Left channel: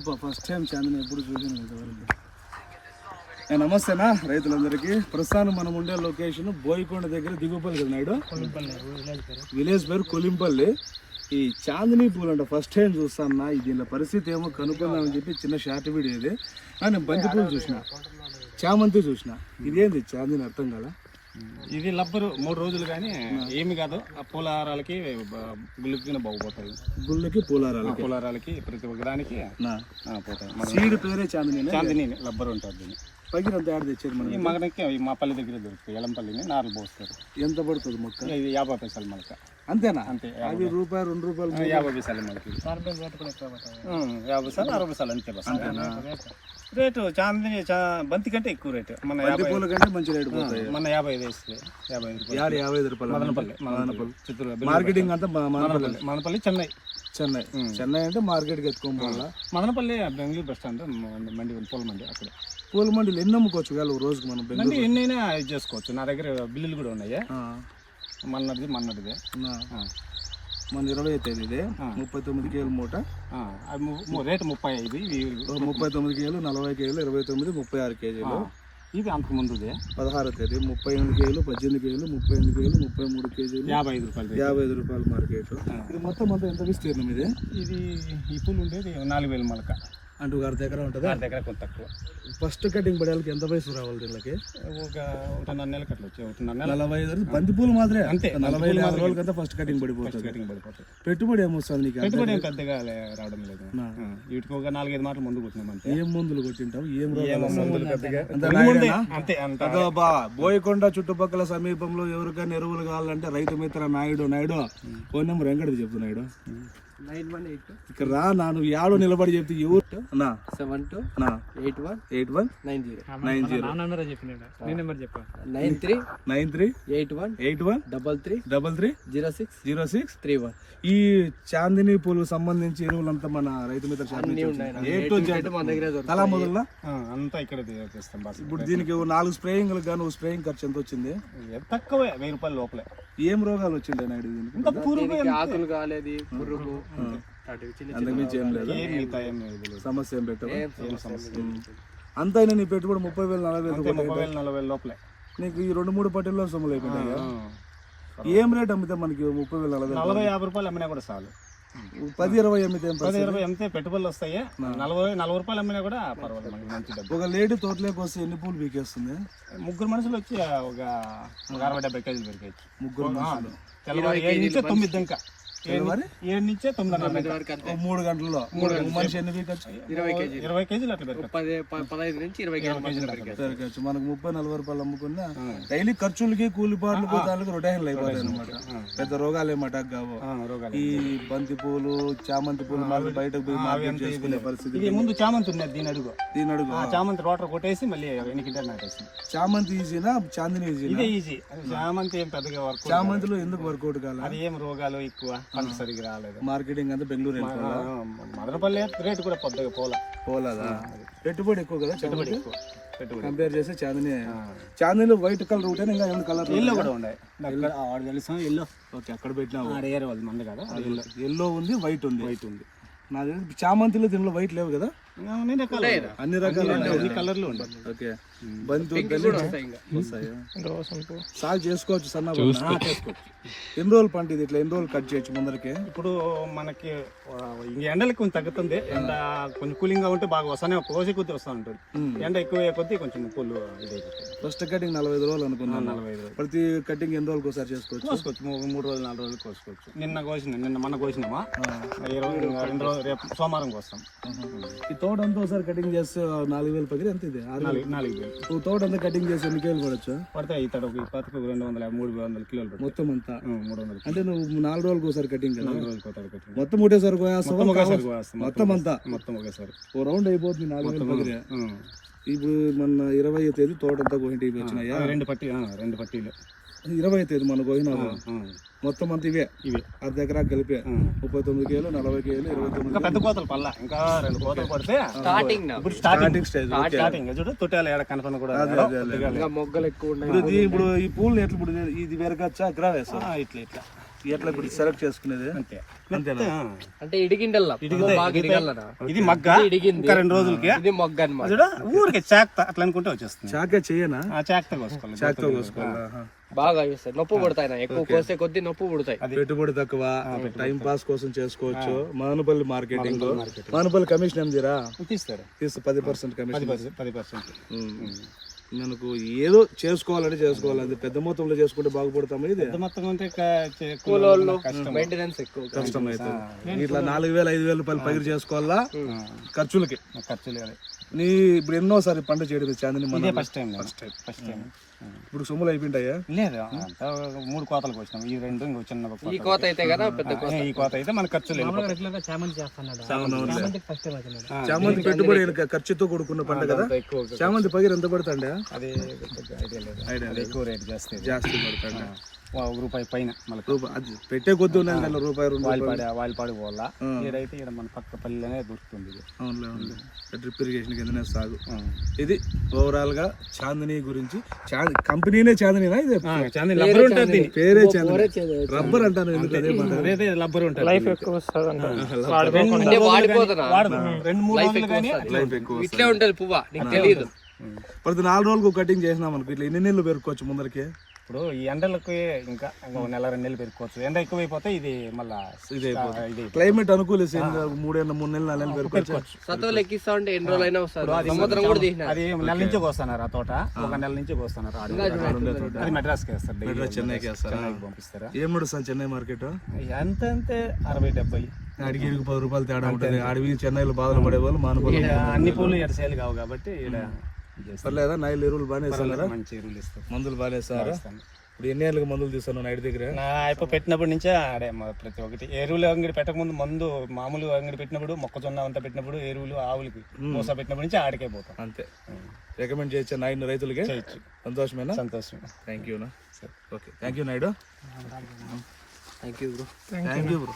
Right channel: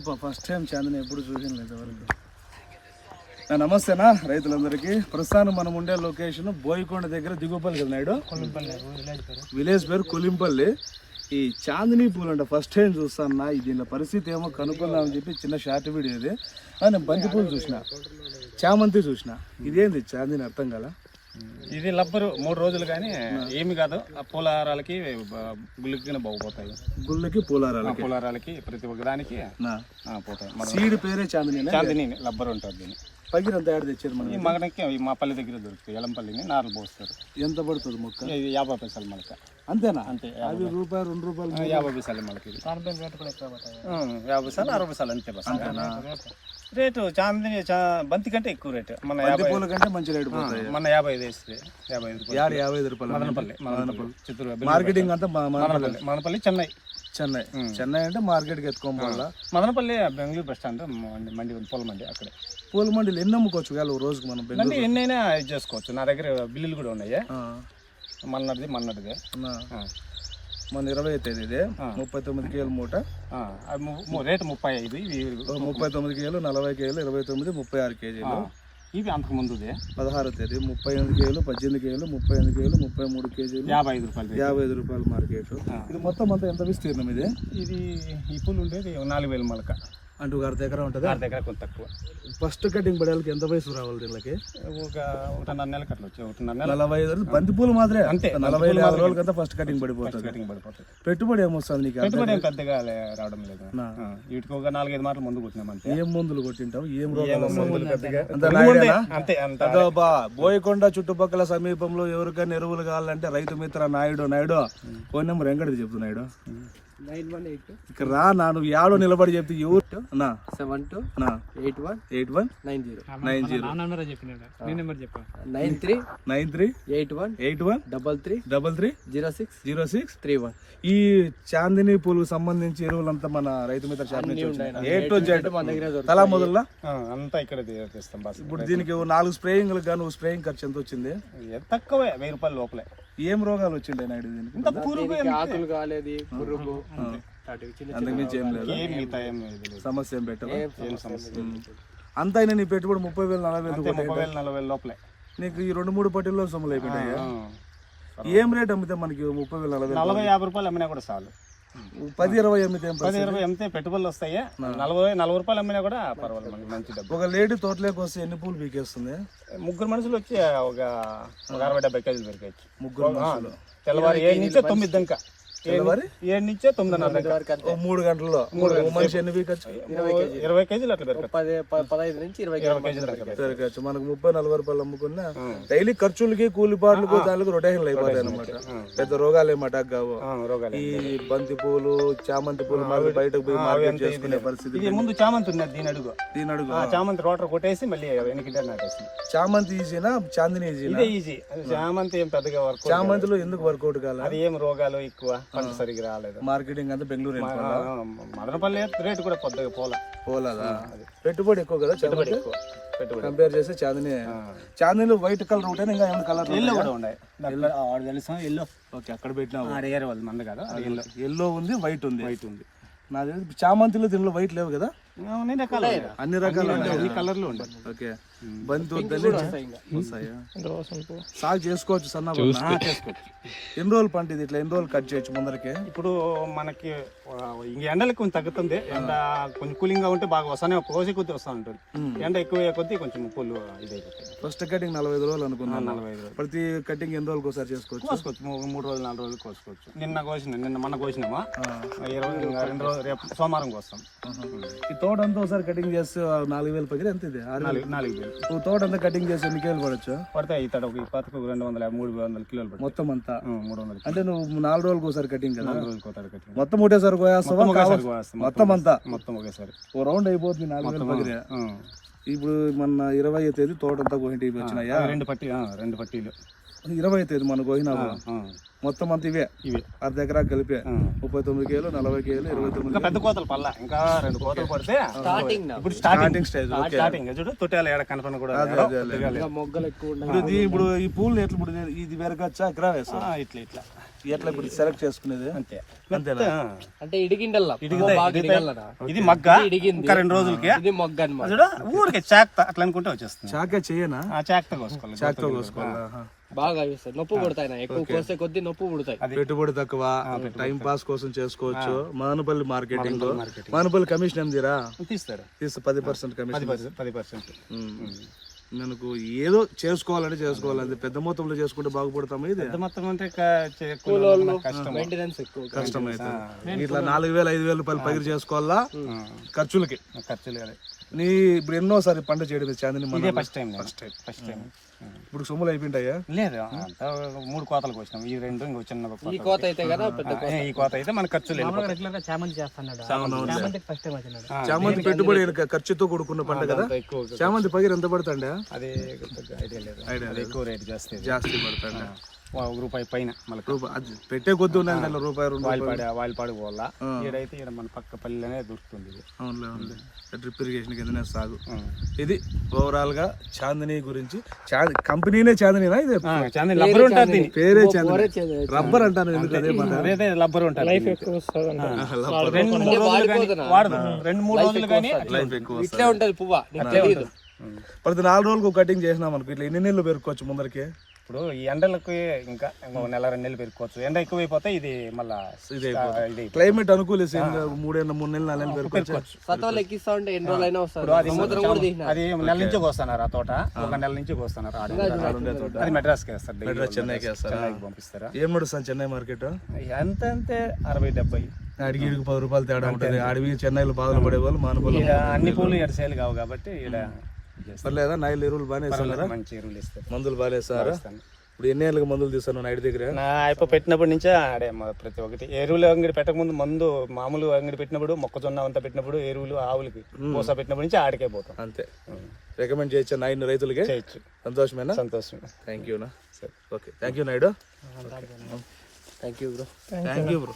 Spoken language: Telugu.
ఫస్ట్ టైం చాందిని ఎప్పుడు చూసాను ఇంతవరకు. ఆ, నమస్తేనా రైతులందరికీ. ప్రస్తుతానికి మనం ఉండే లొకేషన్ బోయికొండ దగ్గర దిగుపల్లి నాయుడు. విలేజ్ పేరు కొలింపల్లి. ఈ చాందిని పూలు అంటే ఫస్ట్ టైం చూస్తాను దీని పరిస్థితి ఏమో కనుక్కుందామని చెప్పి చిన్న షార్ట్ వీడియో ఇది. నేను బంతి పూలు చూసిన. చామంతి చూసిన. ఇదేంది చాందిని అర్థం కదా ఇది లబ్బరు మూడు రోజులు కానీ ఏమి కాదు. ఆ పూలహారాలకి గుళ్ళకి బాగుపోతాయి. గుళ్ళకి పూలారాలకి పూలహారాలకి ప్రతి ఒక్క దానికి నా. ఆ, పోతాయి. మన సీడ్ పేరే చాందిని చాందిని లబ్బర్ ఉంటుంది దీన్ని పగిరి అంత యాడ్ తెచ్చారు ఈ మనకి మా పల్లె దగ్గర దొరుకుతాయి. ఎలంపల్లిని నారు పోస్తారు. ఎంత పడుతుంది మొక్క ఇది యాభై పైసలు మనకి. అంతేనా? అంతే అది రూపాయి రెండు రూపాయలు యాభై పైసలు మనకి. యాభై పైసలు అరవై పైసలు అంతే బస్. అంతేనా? రేటు చాందిని చా- బంతి కంటే ఎక్కువ రేటు. మన యాభై పూల కంటే మంచి రేటు పోతాయి. మన యాభై ఐదు వేస్తే. యాభై ఐదు యాభై యాభై ఐదు రూపాయలు. మదనపల్లి. చిత్తూరు మార్కెటింగ్ అంతా మా- మా- మదనపల్లి. మదనపల్లి చెన్నై. చెన్నై. చెన్నై అంటే మార్కెట్కి ఎత్తుకోవాలి మదనపల్లి బెంగళూరు బస్ స్టాండ్ మండి పూల మండి అక్కడ. పూల మండీలు ఎన్ని అమ్ముకోవచ్చు వేళ రోజుకి మనం బెంగళూరు మండి ఎన్నైనా ఇది చేసుకోవచ్చు. నా దగ్గర బిల్లులు కూడా ఉన్నాయి. మన్నది. ఆ, మన ఇరవై తేదీ ఇది. ముప్పై తొమ్మిది కేలు మూట. రేటు ముప్పై ఐదు ముప్పై తొమ్మిది కేలు నలభై కేలు ఇరవై తొమ్మిది ముప్పై ఆరు కేజీలు. ఇవి అంతకు ముందుదే పదహారు తేదీ ముప్పై ఎనిమిది కేలు పద్దెనిమిది కేలు ముప్పై ఎనిమిది కేలు ముప్పై మూడు కేజీలు. యాభై ఐదు రూపాయలు. యాభై ఐదు రూపాయలు మార్కెట్. ఇది మొత్తం అంతా ఎంత విస్తీర్ణం ఇది? ఇది పూలు ఉండేది నాలుగు వేలు మొలక. అంటూ ఒక అర్ధ ఎకరం ఉంటుంది? నా దగ్గర కొంత తక్కువ. ఫస్ట్ కటింగ్ పడేళ్ళకి ఎంత వయసు రావాలి దీనికి ఒక ఒకటిన్నర నెలకి అట్లా వచ్చి నలభై ఐదు రోజులు బంతి పూలు మాత్రమే. అంతే, నలభై యాభై రోజులకంతా ఫస్ట్ కటింగ్ పడిపోతుంది. కటింగ్ పడిపోతుంది. పెట్టుబడి ఏమొస్తుంది నీకు? పెట్టుబడి ఏం పెద్దగా రావడం లేదు. వీటికి ఒక నాలుగైదు మాటలు ముందు కొట్టినాం అంతే. ఏం మందులు కొట్టింటావు? ఏం అంత? అంతే బా బోయకొండ చుట్టుపక్కల సమీపంలో ఎవరికైనా ఎరువులు కావాలంటే రైతు మిత్ర నాయుడు నాయుడు. ఫోన్ నెంబర్ ఎంకటి చెప్తు నాయుడు నైన్ వన్ ఎయిట్ ఇక్కడ రా నా నువ్వు యాడో నిలబడి చెప్తే ఎవరు నా. సెవెన్ టూ నా. Eight one eight one nine zero. Nine zero. Nine three nine three eight one eight one double three double three zero six zero six three one. ఈ చాందిని పూలకు సంబంధించి ఎరువులంతా మన రైతు మిత్ర దగ్గర తలా మొదలుగా ఆ, అంతా ఇక్కడ చేస్తాం ఇప్పుడు దీనికి నాలుగు స్ప్రేయింగ్లకు గాను స్ప్రేయింగ్ ఖర్చు ఎంత వచ్చింది? తక్కువే? వెయ్యి రూపాయలు లోపలే. ఏం రోగాలు వచ్చింటాయి నాయుడు దీనికి ఆకులు కాలేదు పురుగు. ఏం లేదు. సమస్య ఏం లేదు. అంత అయినా నీ పెట్టుబడి ముప్పై వేలు నలభై వేలు అంతే ముప్పై వేలు నలభై లోపలే. నీకు ఈ రెండు మూడు పట్టిల్లో సొమ్ములు అయిపోయినాయి. ఏం రేట్ అమ్మితే మనకి ముప్పై వేలు నలభై? నలభై యాభై రూపాయలు అమ్మినా కూడా చాలు. పది ఇరవై ఏం పది? ఇరవై ఎంతే పెట్టుబడులు వస్తాయి నలభై నలభై రూపాయలు అమ్మినా కూడా పర్వాలేదు మనకి మంచి డబ్బు ఒక లేడీ తోటలోకి వస్తే ఎన్ని పూలు పీకేస్తుంది ముగ్గురు మనుషులు వచ్చి ఒక అరవై డెబ్బై కేజీలు పెరిగాయి ముగ్గురు. తెల్లవారు ఏడు నుంచే తొమ్మిది ఇంకా? ఏడు నుంచే ఓ మూడు గంటల్లో. మూడు మనిషి ఎన్ని పీకచ్చు ఇరవై కేజీ. ఇరవై కేజీలు పదహైదు నుంచి ఇరవై కేజీలు మనకు ముప్పై నలభై రూపాయలు అమ్ముకున్నా డైలీ ఖర్చులకి కూలిపాట్లకు దానికి రొటేషన్లు అయిపోతాయి అనమాట పెద్ద రోగాలు ఏం అటాక్ కావు. ఈ బంతి పూలు చామంతి పూలు మళ్ళీ బయటకు పోయి మార్కెట్ చేసుకునే పరిస్థితి ఇది ముందు చామంతి ఉన్నది దీని అడుగు. దీని అడుగు. ఆ చామంతి రోటర్ కొట్టేసి మళ్ళీ వెనకింటే నాటేసి చామంతి ఈజీనా? చాందిని ఇదే ఈజీ. చామంతి ఏం పెద్దగా వర్క్ చామంతిలో ఎందుకు వర్కౌట్ కాల? అది ఏం రోగాలు ఎక్కువ? పంట సరిగ్గా రాలేదు. మార్కెటింగ్ అంతా బెంగళూరు మదనపల్లి రేటు కూడా పెద్దగా పోల. పోలేదా? పెట్టుబడి ఎక్కువ కదా చామంతి ఎక్కువ. పెట్టుబడి కంపేర్ చేస్తే చాందిని చాందిని వైట్ కలర్ ఉంటాయి ఇంకా ఏమైనా కలర్ ఎల్లో కూడా ఉన్నాయి. ఆడు తెలుసా? ఎల్లో ఓకే అక్కడ పెట్టినా అడిగారు వాళ్ళు మంది కదా? ఎల్లో ఎల్లో ఉంది వైట్ ఉంది. వైట్ ఉంది. నా చామంతిలో దీనిలో వైట్ లేవు కదా? అన్ని రకాలు అన్ని కలర్లు ఉంటాయి ఓకే. సాగు చేసుకోవచ్చు సన్న ఎన్ని రోజులు పంట ఇది ఇట్లా? ఎన్ని రోజులు కట్ చేయొచ్చు ముందరకి? ఇప్పుడు మనకి ఎండలకి కొంచెం తగ్గుతుంది. ఎండ కొంచెం కూలింగ్గా ఉంటే బాగా వస్తానే కోసి కొద్ది వస్తూ ఉంటుంది. ఎండ ఎక్కువ కొద్దీ కొంచెం పూలు ఫస్ట్ కటింగ్ నలభై ఐదు రోజులు అనుకున్నాను నలభై ఐదు రోజులు. ప్రతి కటింగ్ ఎన్ని రోజులకు ఒకసారి చేసుకోవచ్చు? కోసుకోవచ్చు. మూడు రోజులు నాలుగు రోజులు కోసుకోవచ్చు. నిన్న కోసిన నిన్న మన కోసినామా? ఇరవై రెండు రోజులు రేపు సోమవారం కోస్తాం. ఈ తోట అంతా ఒకసారి కటింగ్ చేస్తే నాలుగు వేలు పగిలి ఎంత ఇది? ఆరు వేలు. నాలుగు నాలుగు వేలు. ఓ తోట అంతా కటింగ్ చేసి ఎన్ని కేజీలు పడవచ్చు పడతాయి ఈ తడకు పక్కకు రెండు వందల మూడు వందల కిలోలు పడతాయి. మొత్తం అంతా? మూడు వందల అంటే నువ్వు నాలుగు రోజులకు ఒకసారి కటింగ్ కదా? నాలుగు రోజులు కోతాడు కట్టిన మొత్తం ఒకటేసారి కోయేస్తావా మొత్తం కావచ్చు. అంతా? మొత్తం ఒకేసారి. ఓ రౌండ్ అయిపోతుంది నాలుగు వేలు పగిలి ఉం. ఇప్పుడు మన ఇరవై తేదీ తోట అంతా కోహింటి వచ్చినాయా? రెండు పట్టి ఆ, రెండు పట్టీలు. ఇరవై తేదీ మన ఆ, మొత్తం అంతా ఇవే. ఇవి. అర్ధ ఎకరా కలిపే. ముప్పై తొమ్మిది కేలు నలభై కేలు ఇరవై తొమ్మిది పెద్ద కోతలు పల్ల ఇంకా రెండు కోతలు పడితే స్టార్టింగ్ ఇప్పుడు స్టార్టింగ్ స్టేజ్ స్టార్టింగ్ చూడు తొట్టాలు ఏడ కనపడిన కూడా ఇంకా మొగ్గలు ఎక్కువ ఉన్నాయి. ఇప్పుడు ఇది ఇప్పుడు ఈ పూలు ఎట్లా ఇప్పుడు ఇది పెరగచ్చా ఎకరా వేస్తా ఆ, ఇట్లా ఇట్లా. ఎట్లా ఇప్పుడు సెలెక్ట్ చేసుకునేది? అంతే. అంతేనా. అంటే ఇడిగిండల్లా. ఇది మగ్గ? ఇది ఇడిగింది. ఇంకా రెండు రోజులకి? ఇది మొగ్గ అనమాట ఊరికే చాక్ అట్లా అనుకుంటే వచ్చేస్తుంది. చాకే చెయ్యనా ఆ చాక్తో కోసుకోవాలి. చాక్తో కోసుకోవాలి. బాగా వేస్తాయి నొప్పి పుడతాయి నా ఎక్కువ కోసే కొద్దీ నొప్పి పుడతాయి. పెట్టుబడి తక్కువ? టైం పాస్ కోసం చేసుకోవచ్చు. మానుపల్లి మార్కెటింగ్ మానుపల్లి కమిషన్ ఏందిరా తీస్తారు. తీసు పది పర్సెంట్ కమిషన్. పది పర్సెంట్ మనకు ఏదో చేసుకోవాలంటే చేసుకోవాలి పెద్ద మొత్తంలో చేసుకుంటే బాగుపడతాము ఇది? పెద్ద మొత్తం అంటే మెయింటెనెన్స్ ఎక్కువ. కష్టం అవుతుంది ఇట్లా నాలుగు వేల ఐదు వేల రూపాయలు పైరు చేసుకోవాలా? ఖర్చులకి. ఖర్చు లేదు నీ ఇప్పుడు ఎన్నోసారి పంట చేయడం first time first time first time ఇప్పుడు సొమ్ములు అయిపోయింటాయా? లేదు అంతా మూడు కోతలు కోసినాం. ఈ రెండు ఇంకో చిన్న ఈ కోత అయితే కదా పెద్ద కోత. ఈ కోత అయితే మన ఖర్చు లేదు. చామంతి పెట్టుబడి అయిన ఖర్చుతో కూడుకున్న పంట కదా? చామంతి పగిరి ఎంత పడుతుండే? అది ఎక్కువ రేట్ జాస్తి పడుతుండే. ఒక రూపాయి పైన మళ్ళీ రూపాయి పెట్టే కొద్ది ఉన్నాయి రూపాయి రెండు పోవాలా? ఈడ మన పక్క పల్లెనే దొరుకుతుంది ఇది. డ్రిప్ ఇరిగేషన్ కిందనే సాగు. ఇది ఓవరాల్గా చాందిని గురించి. కంపెనీనే చాందినీనా ఇది? చాలా లబ్బర్ ఉంటుంది. పేరే చాందిని. రబ్బర్ అంటాను ఎందుకు అదే మాట? అదైతే లబ్బర్ ఉంటుంది? లైఫ్ ఎక్కువ అంటే వాడిపోతున్నా రెండు మూడు రోజులు కానీ లైఫ్ ఎక్కువ ఇట్లే ఉంటది పువ్వ నీకు తెలియదు. ప్రతి నాలుగు రోజులకు కటింగ్ చేసినాం అనుకో ఇట్లా ఎన్ని నీళ్ళు పెరుకోవచ్చు ముందరికి? ఇప్పుడు ఈ ఎండలకి ఇంకా ఇంకో నెల రెండు నెలలు పెరుకోవచ్చు ఎండ ఎక్కువైపోతే ఇది మళ్ళా ఇది క్లైమేట్ అనుకూలిస్తే మూడేళ్ళ మూడు నెలలు నాలుగు నెలలు పెరుకోవచ్చు సతోలు ఎక్కిస్తా ఉంటే ఎన్ని రోజులు అయినా వస్తారు. సముద్రం కూడా తీసినారు. అది నెల నుంచి కోస్తున్నారు ఆ తోట. ఒక నెల నుంచి కోస్తున్నారు ఆడ. అది మెడ్రాస్కి వేస్తారు daily. చెన్నైకి వేస్తారా? చెన్నైకి పంపిస్తారా? ఏం పడుతుంది చెన్నై మార్కెట్? ఎంత అంతే అరవై డెబ్బై. అడిగి ఇడికి పది రూపాయలు తేడా ఉంటుంది. అడవి చెన్నైలో బాధలు పడే వాళ్ళు మానుకోవాలి అన్ని పూలు ఎడ సైలు కావు కాబట్టి ఈడ చేస్తారు. లేదా? నైల్ ఎరువులు బాగానే వేస్తారా? మంచి ఎరువులు ఇస్తారు. మందులు బాగానే వేస్తారా? ఇప్పుడు ఎన్ని ఏళ్ళకి మందులు తీస్తాను నైట్ దగ్గర? నా అయిపో పెట్టినప్పటి నుంచే ఆడే మా ప్రతి ఒక్కటి. ఎరువులు అంగడి పెట్టక ముందు మందు మామూలు అంగడి పెట్టినప్పుడు మొక్కజొన్న అంతా పెట్టినప్పుడు ఎరువులు ఆవులకి మోస పెట్టినప్పటి నుంచి ఆడికే పోతాం. అంతే. రికమెండ్ చేయొచ్చా నైన్ రైతులకి? చేయొచ్చు. సంతోషమేనా? సంతోషం thank you okay thank you Naidu. Thank you bro. Thank you bro